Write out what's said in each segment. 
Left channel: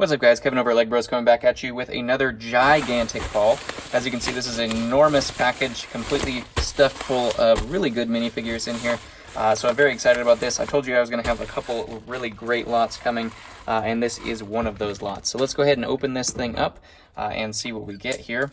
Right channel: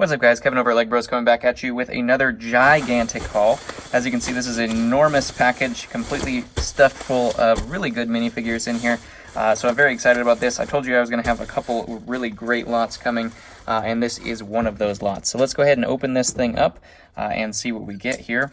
What's up, guys? Kevin over at LEGbrOs coming back at you with another gigantic haul. As you can see, this is an enormous package, completely stuffed full of really good minifigures in here. So I'm very excited about this. I told you I was going to have a couple really great lots coming, and this is one of those lots. So let's go ahead and open this thing up and see what we get here.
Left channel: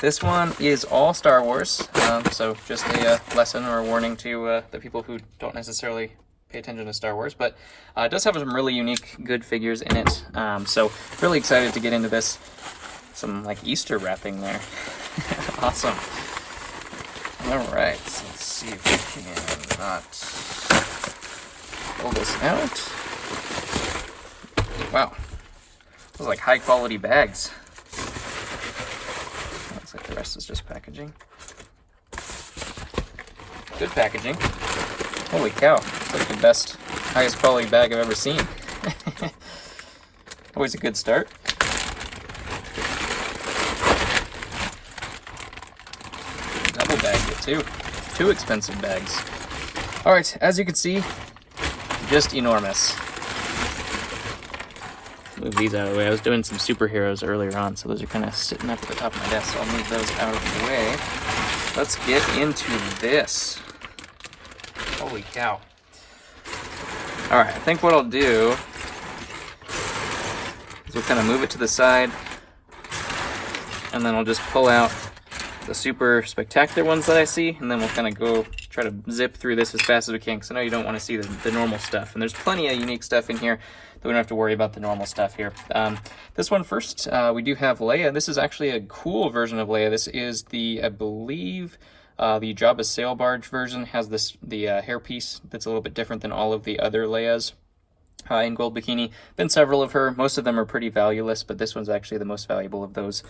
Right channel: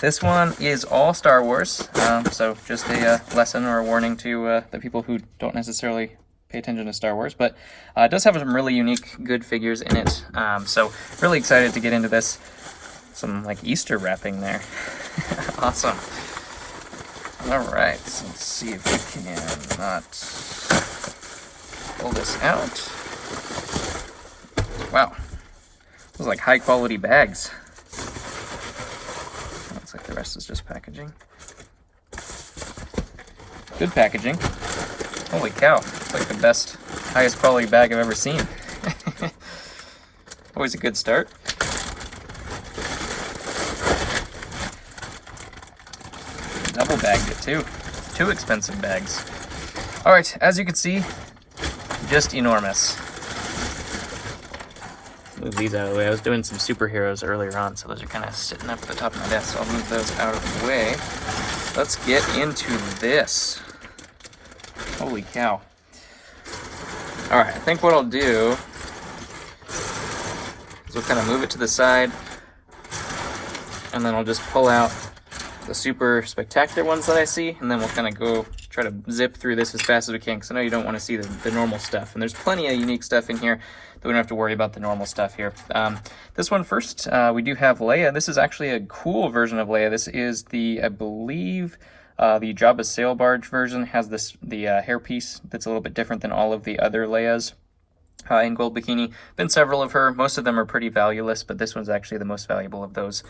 This one is all Star Wars, so just a lesson or a warning to the people who don't necessarily pay attention to Star Wars, but it does have some really unique, good figures in it. So really excited to get into this. Some like Easter wrapping there. Awesome. All right, so let's see if we can not pull this out. Wow, those are like high quality bags. Looks like the rest is just packaging. Good packaging. Holy cow, it's like the best, highest quality bag I've ever seen. Always a good start. Double bagged it too. Two expensive bags. Alright, as you can see, just enormous. Move these out of the way. I was doing some superheroes earlier on, so those are kind of sitting up at the top of my desk, so I'll move those out of the way. Let's get into this. Holy cow. Alright, I think what I'll do is we'll kind of move it to the side, and then I'll just pull out the super spectacular ones that I see, and then we'll kind of go try to zip through this as fast as we can, because I know you don't want to see the normal stuff, and there's plenty of unique stuff in here that we don't have to worry about the normal stuff here. This one first, we do have Leia. This is actually a cool version of Leia. This is the, I believe, the Jabba's sail barge version has the hairpiece that's a little bit different than all of the other Leias in gold bikini. Been several of her. Most of them are pretty valueless, but this one's actually the most valuable of those.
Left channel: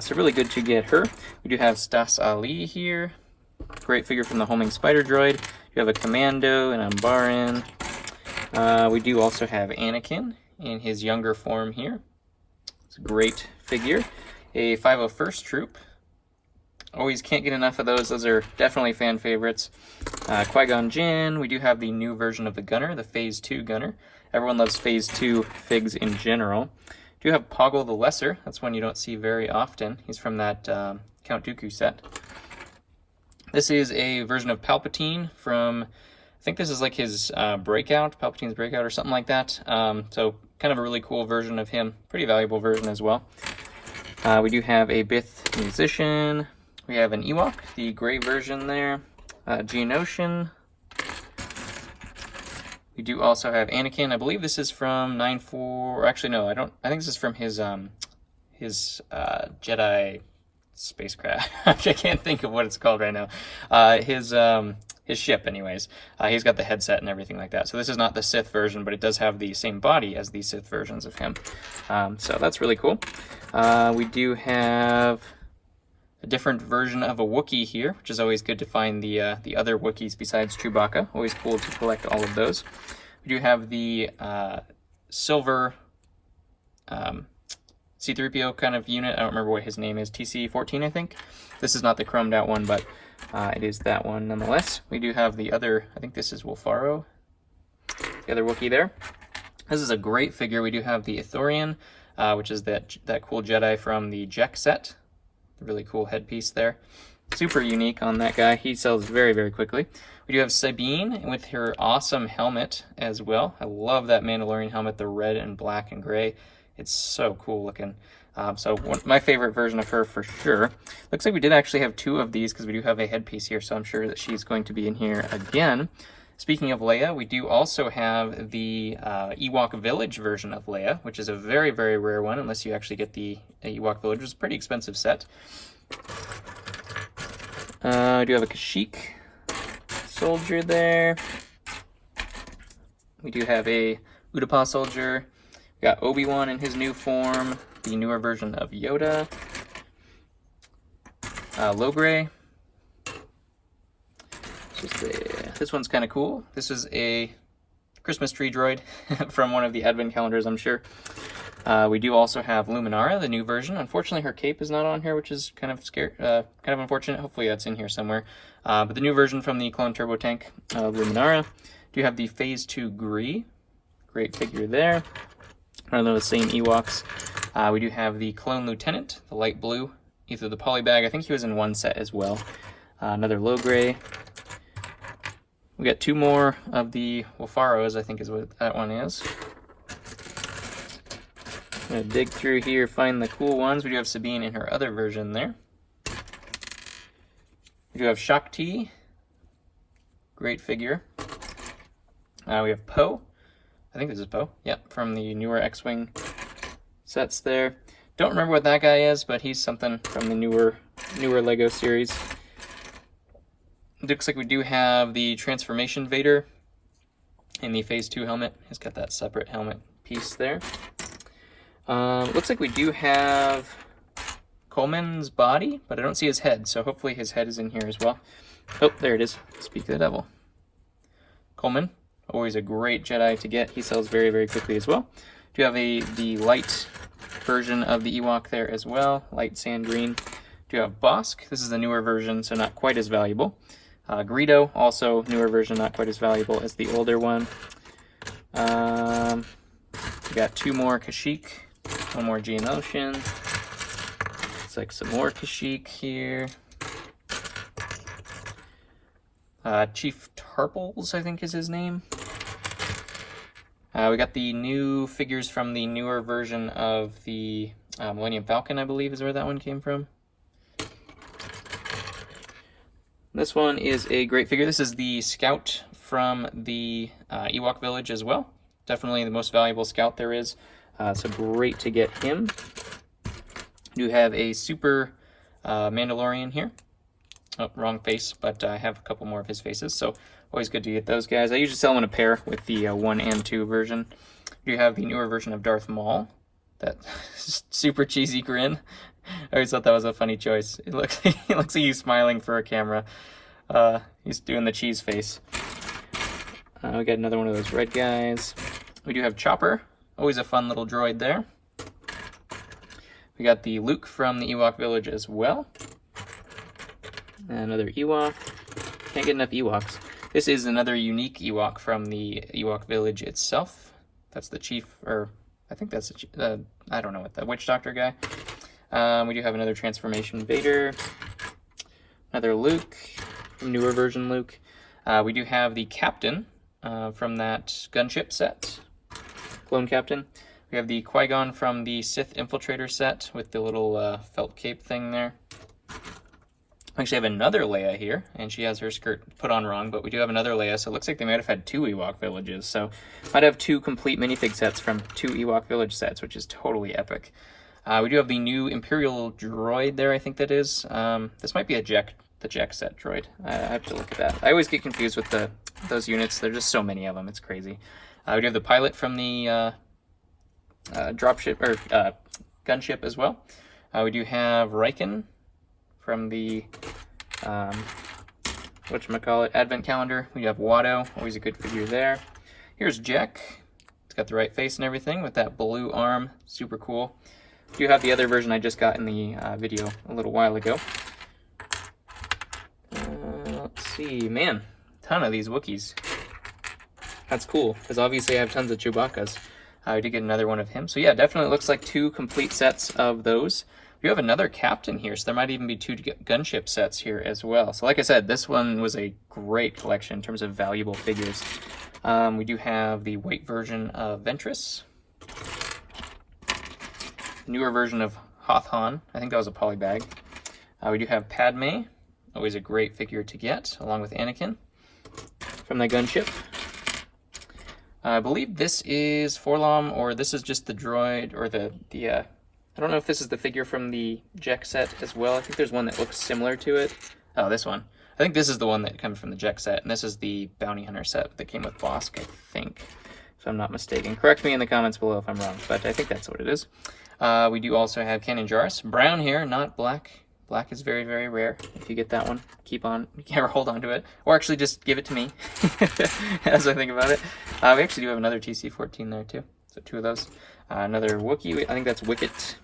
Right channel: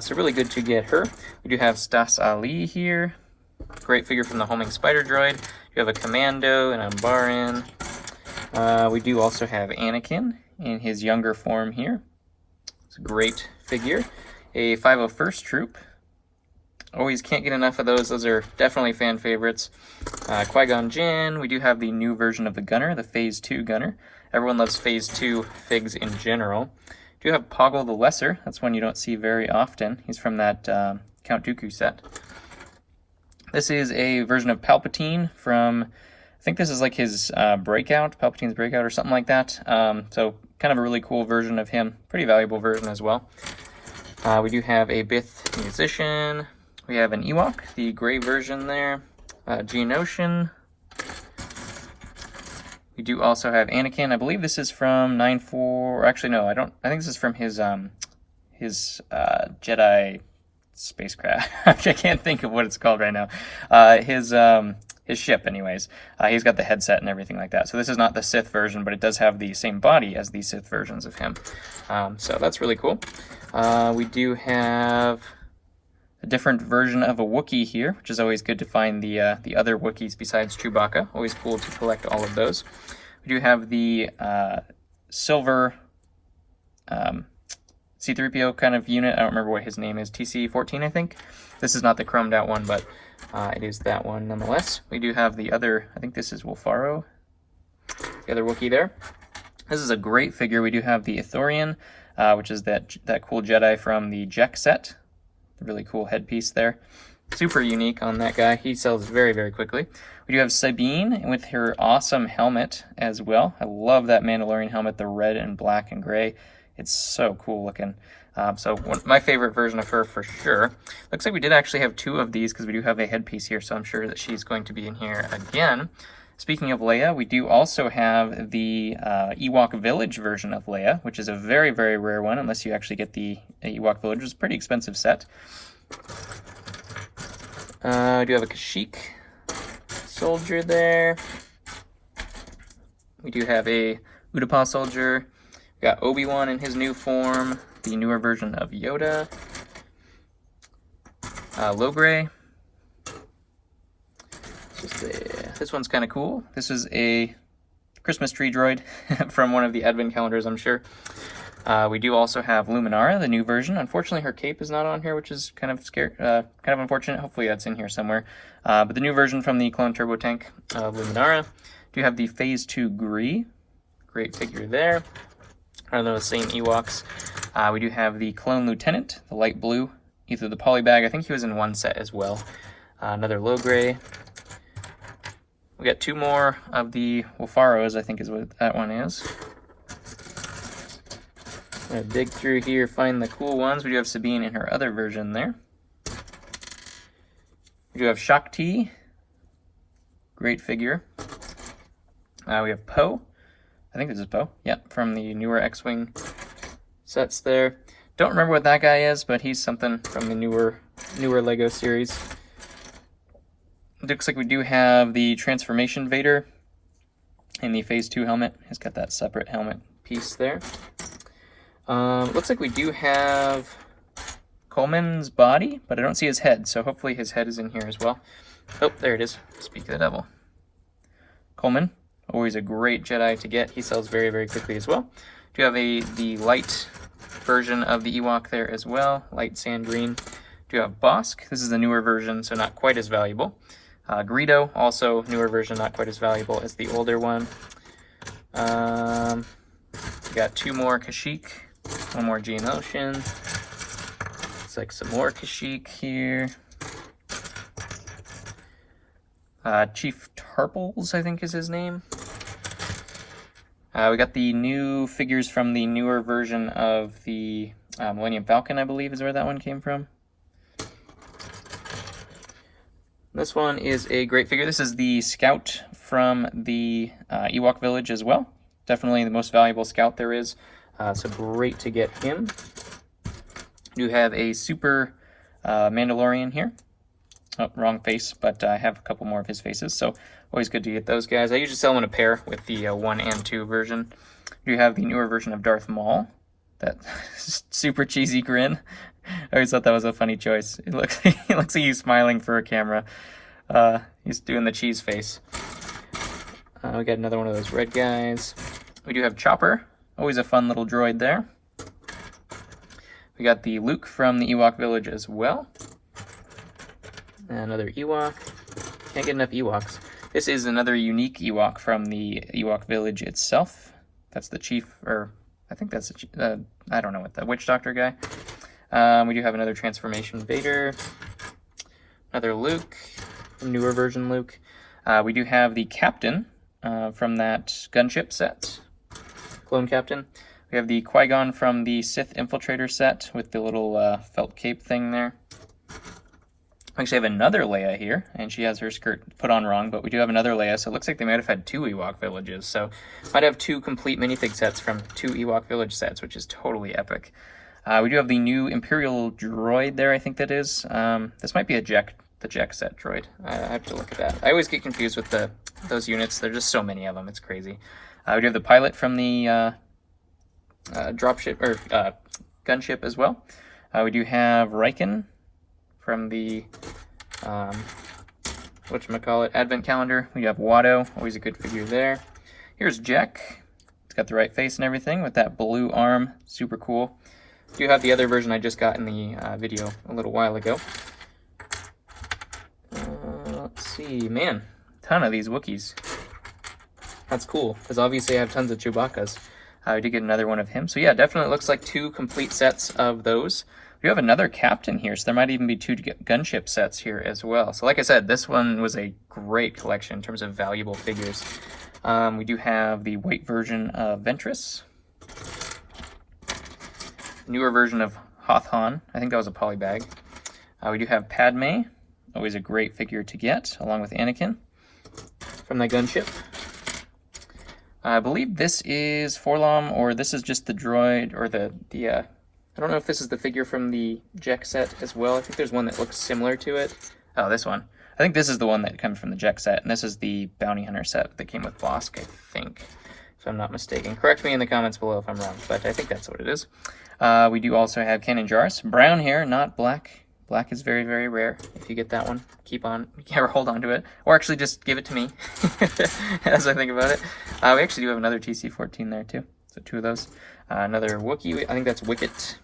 So really good to get her. We do have Stas Ali here. Great figure from the homing spider droid. You have a Commando and Ambarin. We do also have Anakin in his younger form here. It's a great figure. A 501st troop. Always can't get enough of those. Those are definitely fan favorites. Qui-Gon Jinn. We do have the new version of the Gunner, the Phase 2 Gunner. Everyone loves Phase 2 figs in general. We do have Poggle the Lesser. That's one you don't see very often. He's from that Count Dooku set. This is a version of Palpatine from, I think this is like his Breakout, Palpatine's Breakout or something like that. So kind of a really cool version of him. Pretty valuable version as well. We do have a Bith Musician. We have an Ewok, the gray version there. Geonosian. We do also have Anakin. I believe this is from 9-4. Actually, no, I think this is from his Jedi spacecraft. I can't think of what it's called right now. His ship, anyways. He's got the headset and everything like that. So this is not the Sith version, but it does have the same body as the Sith versions of him. So that's really cool. We do have a different version of a Wookiee here, which is always good to find the other Wookiees besides Chewbacca. Always cool to collect all of those. We do have the silver C-3PO kind of unit. I don't remember what his name is. TC-14, I think. This is not the chromed out one, but it is that one nonetheless. We do have the other, I think this is Wolfaro, the other Wookiee there. This is a great figure. We do have the Ithorian, which is that cool Jedi from the Jek set. Really cool headpiece there. Super unique on that guy. He sells very, very quickly. We do have Sabine with her awesome helmet as well. I love that Mandalorian helmet, the red and black and gray. It's so cool looking. So my favorite version of her for sure. Looks like we did actually have two of these because we do have a headpiece here, so I'm sure that she's going to be in here again. Speaking of Leia, we do also have the Ewok Village version of Leia, which is a very, very rare one, unless you actually get the Ewok Village, which is a pretty expensive set. We do have a Kashyyyk soldier there. We do have a Utapau soldier. We got Obi-Wan in his new form, the newer version of Yoda. Logray. This one's kind of cool. This is a Christmas tree droid from one of the advent calendars, I'm sure. We do also have Luminara, the new version. Unfortunately, her cape is not on here, which is kind of unfortunate. Hopefully that's in here somewhere. But the new version from the clone turbo tank, Luminara. Do have the Phase 2 Gree. Great figure there. I don't know, the same Ewoks. We do have the Clone Lieutenant, the light blue, either the polybag. I think he was in one set as well. Another low gray. We got 2 more of the Wolfaros, I think is what that one is. I'm gonna dig through here, find the cool ones. We do have Sabine in her other version there. We do have Shakti, great figure. We have Poe, I think this is Poe, yep, from the newer X-Wing sets there. Don't remember what that guy is, but he's something from the newer LEGO series. It looks like we do have the Transformation Vader in the Phase 2 helmet. He's got that separate helmet piece there. It looks like we do have Coleman's body, but I don't see his head, so hopefully his head is in here as well. Oh, there it is. Speak of the devil. Coleman, always a great Jedi to get. He sells very, very quickly as well. Do you have the light version of the Ewok there as well, light sand green. Do you have Bosk? This is the newer version, so not quite as valuable. Greedo, also newer version, not quite as valuable as the older one. We got 2 more Kashyyyk, 1 more Geonosian. Looks like some more Kashyyyk here. Chief Tarples, I think is his name. We got the new figures from the newer version of the Millennium Falcon, I believe is where that one came from. This one is a great figure. This is the Scout from the Ewok Village as well. Definitely the most valuable Scout there is. So great to get him. You have a Super Mandalorian here. Oh, wrong face, but I have a couple more of his faces, so always good to get those guys. I usually sell them in a pair with the 1 and 2 version. You have the newer version of Darth Maul. That super cheesy grin. I always thought that was a funny choice. It looks like he's smiling for a camera. He's doing the cheese face. We got another one of those red guys. We do have Chopper. Always a fun little droid there. We got the Luke from the Ewok Village as well. Another Ewok. Can't get enough Ewoks. This is another unique Ewok from the Ewok Village itself. That's the chief, or I think that's the I don't know what, the witch doctor guy. We do have another Transformation Vader. Another Luke, newer version Luke. We do have the Captain from that gunship set. Clone Captain. We have the Qui-Gon from the Sith Infiltrator set with the little felt cape thing there. We actually have another Leia here, and she has her skirt put on wrong, but we do have another Leia, so it looks like they might have had 2 Ewok villages. So might have 2 complete minifig sets from 2 Ewok village sets, which is totally epic. We do have the new Imperial Droid there, I think that is. This might be the Jack set droid. I have to look at that. I always get confused with those units. There's just so many of them. It's crazy. We do have the pilot from the dropship or gunship as well. We do have Riken from the whatchamacallit, Advent Calendar. We have Watto, always a good figure there. Here's Jack. It's got the right face and everything with that blue arm. Super cool. You have the other version I just got in the video a little while ago. Let's see, man, ton of these Wookiees. That's cool, because obviously I have tons of Chewbacca's. I did get another one of him. So yeah, definitely looks like 2 complete sets of those. We have another Captain here, so there might even be 2 gunship sets here as well. So like I said, this one was a great collection in terms of valuable figures. We do have the white version of Ventress. Newer version of Hoth Han. I think that was a polybag. We do have Padme. Always a great figure to get, along with Anakin from the gunship. I believe this is Forlom, or this is just the droid, or the I don't know if this is the figure from the Jek set as well. I think there's one that looks similar to it. Oh, this one. I think this is the one that comes from the Jek set, and this is the Bounty Hunter set that came with Bosk, I think, if I'm not mistaken. Correct me in the comments below if I'm wrong, but I think that's what it is. We do also have Kanan Jarrus. Brown hair, not black. Black is very, very rare. If you get that one, hold on to it. Or actually just give it to me, as I think about it. We actually do have another TC-14 there, too. So 2 of those. Another Wookiee, I think that's Wicket.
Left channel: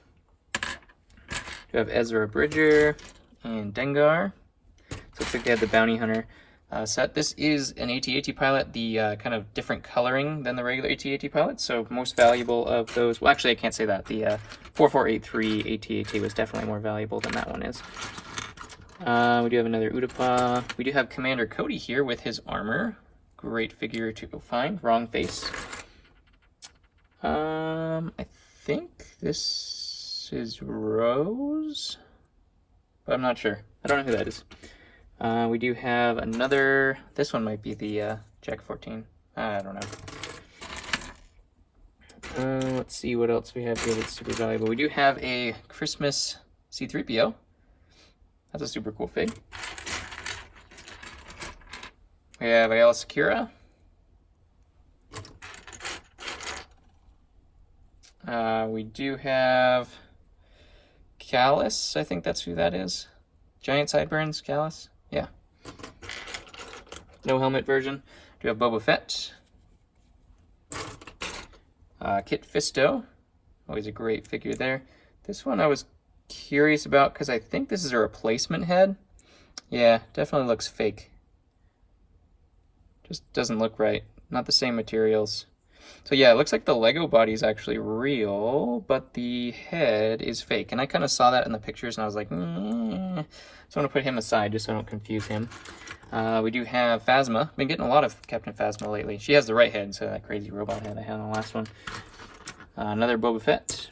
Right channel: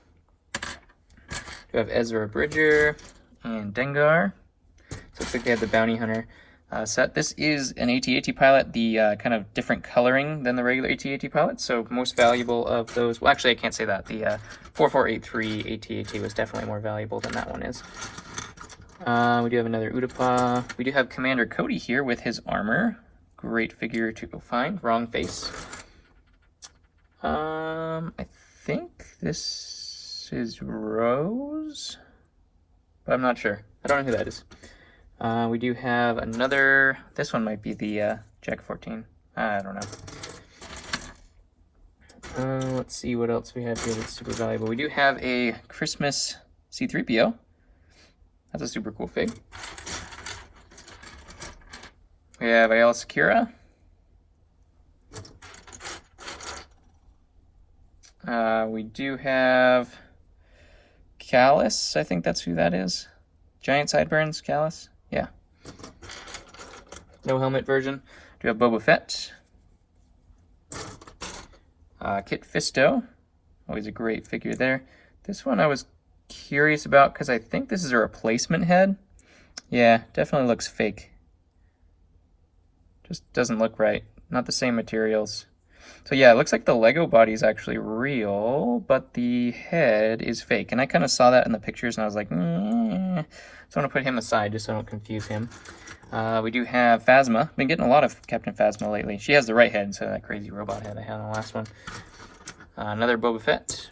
You have Ezra Bridger and Dengar. So it looks like they have the Bounty Hunter. set. This is an AT-AT pilot, the kind of different coloring than the regular AT-AT pilot, so most valuable of those. Well, actually, I can't say that. The 4483 AT-AT was definitely more valuable than that one is. We do have another Udapa. We do have Commander Cody here with his armor. Great figure to go find. Wrong face. I think this is Rose, but I'm not sure. I don't know who that is. We do have another. This one might be the Jack 14. I don't know. Let's see what else we have here that's super valuable. We do have a Christmas C-3PO. That's a super cool fig. We have Ayala Secura. We do have Callus. I think that's who that is. Giant sideburns, Callus. Yeah. No helmet version. We have Boba Fett. Kit Fisto. Always a great figure there. This one I was curious about because I think this is a replacement head. Yeah, definitely looks fake. Just doesn't look right. Not the same materials. So yeah, it looks like the Lego body is actually real, but the head is fake. And I kind of saw that in the pictures and I was like, So I'm going to put him aside just so I don't confuse him. We do have Phasma. Been getting a lot of Captain Phasma lately. She has the right head, so that crazy robot head I had on the last one. Another Boba Fett.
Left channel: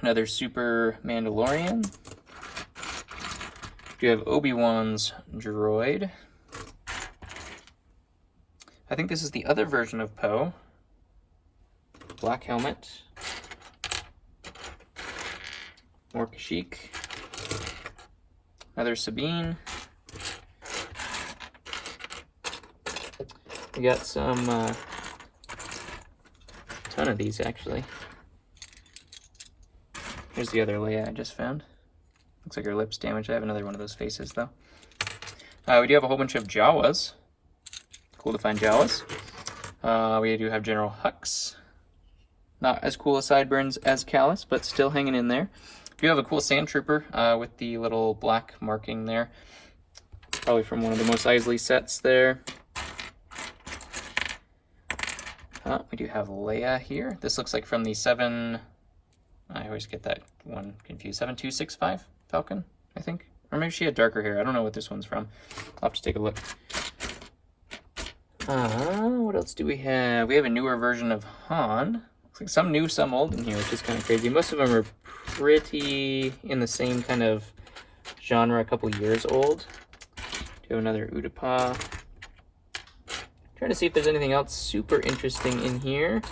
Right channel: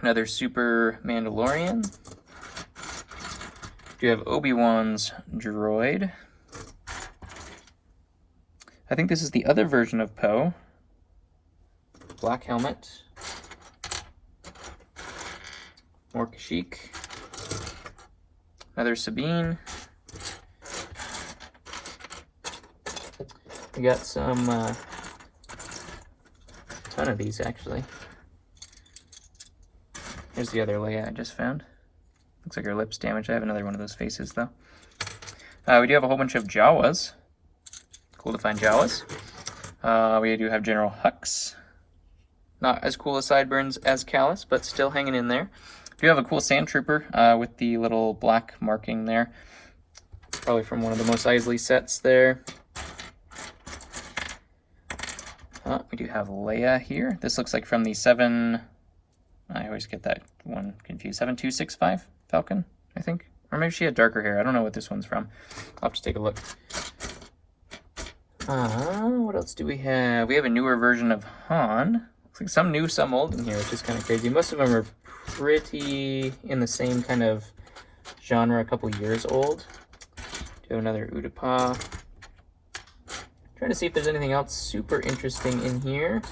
Another Super Mandalorian. We have Obi-Wan's droid. I think this is the other version of Poe. Black helmet. More Kashyyyk. Another Sabine. We got some, ton of these actually. Here's the other Leia I just found. Looks like her lip's damaged. I have another one of those faces though. We do have a whole bunch of Jawas. Cool to find Jawas. We do have General Hux. Not as cool as sideburns as Callus, but still hanging in there. We do have a cool Sand Trooper with the little black marking there. Probably from one of the Mos Eisley sets there. We do have Leia here. This looks like from the 7... I always get that one confused. 7265 Falcon, I think. Or maybe she had darker hair. I don't know what this one's from. I'll have to take a look. What else do we have? We have a newer version of Han. Looks like some new, some old in here, which is kind of crazy. Most of them are pretty in the same kind of genre, a couple years old. Do another Udapa. Trying to see if there's anything else super interesting in here.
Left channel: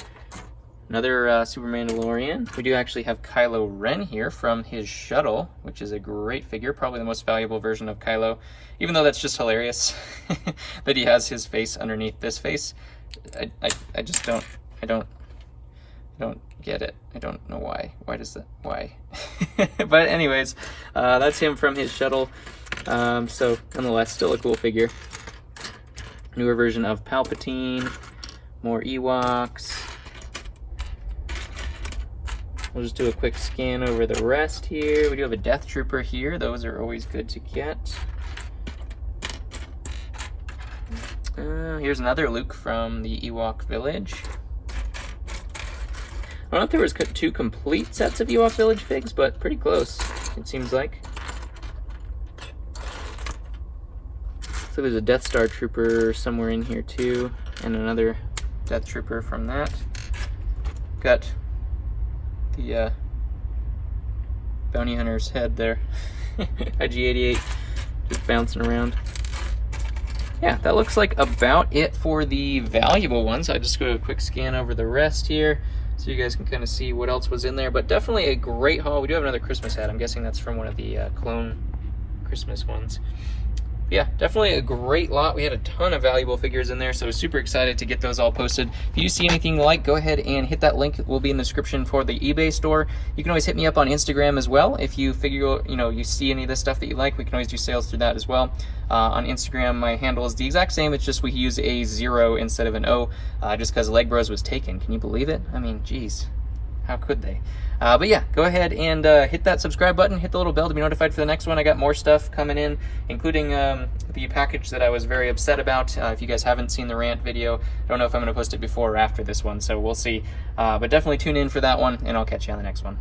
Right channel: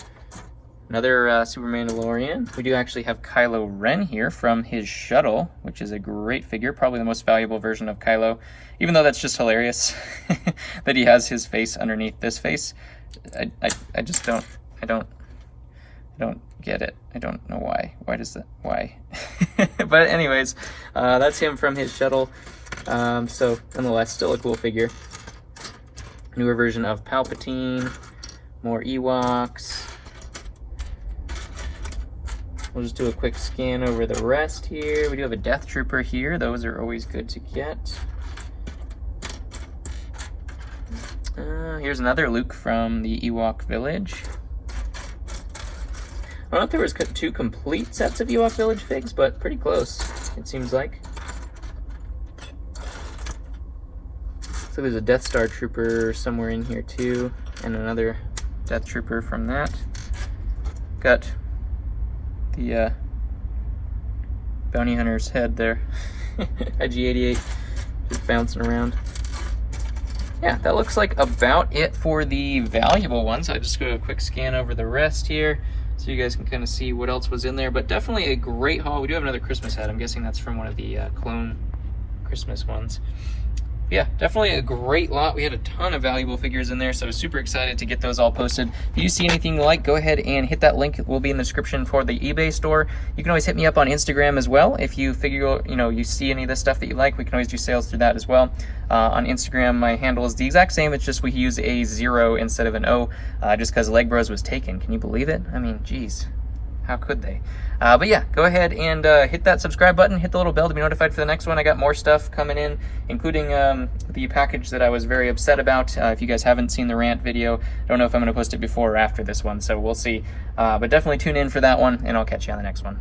Another Super Mandalorian. We do actually have Kylo Ren here from his shuttle, which is a great figure. Probably the most valuable version of Kylo, even though that's just hilarious that he has his face underneath this face. I just don't get it. I don't know why. Why does that? Why? But anyways, that's him from his shuttle. So nonetheless, still a cool figure. Newer version of Palpatine. More Ewoks. We'll just do a quick scan over the rest here. We do have a Death Trooper here. Those are always good to get. Here's another Luke from the Ewok Village. I don't know if there was two complete sets of Ewok Village figs, but pretty close, it seems like. So there's a Death Star Trooper somewhere in here too, and another Death Trooper from that. Got the bounty hunter's head there. IG-88 just bouncing around. Yeah, that looks like about it for the valuable ones. I'll just go a quick scan over the rest here so you guys can kind of see what else was in there. But definitely a great haul. We do have another Christmas hat. I'm guessing that's from one of the clone Christmas ones. Yeah, definitely a great lot. We had a ton of valuable figures in there, so super excited to get those all posted. If you see anything you like, go ahead and hit that link. It will be in the description for the eBay store. You can always hit me up on Instagram as well. If you figure, you see any of the stuff that you like, we can always do sales through that as well. On Instagram, my handle is the exact same. It's just we use a 0 instead of an O, just because LEGbrOs was taken. Can you believe it? I mean, geez. How could they? But yeah, go ahead and hit that subscribe button, hit the little bell to be notified for the next one. I got more stuff coming in, including the package that I was very upset about. If you guys haven't seen the rant video, I don't know if I'm going to post it before or after this one, so we'll see. But definitely tune in for that one, and I'll catch you on the next one.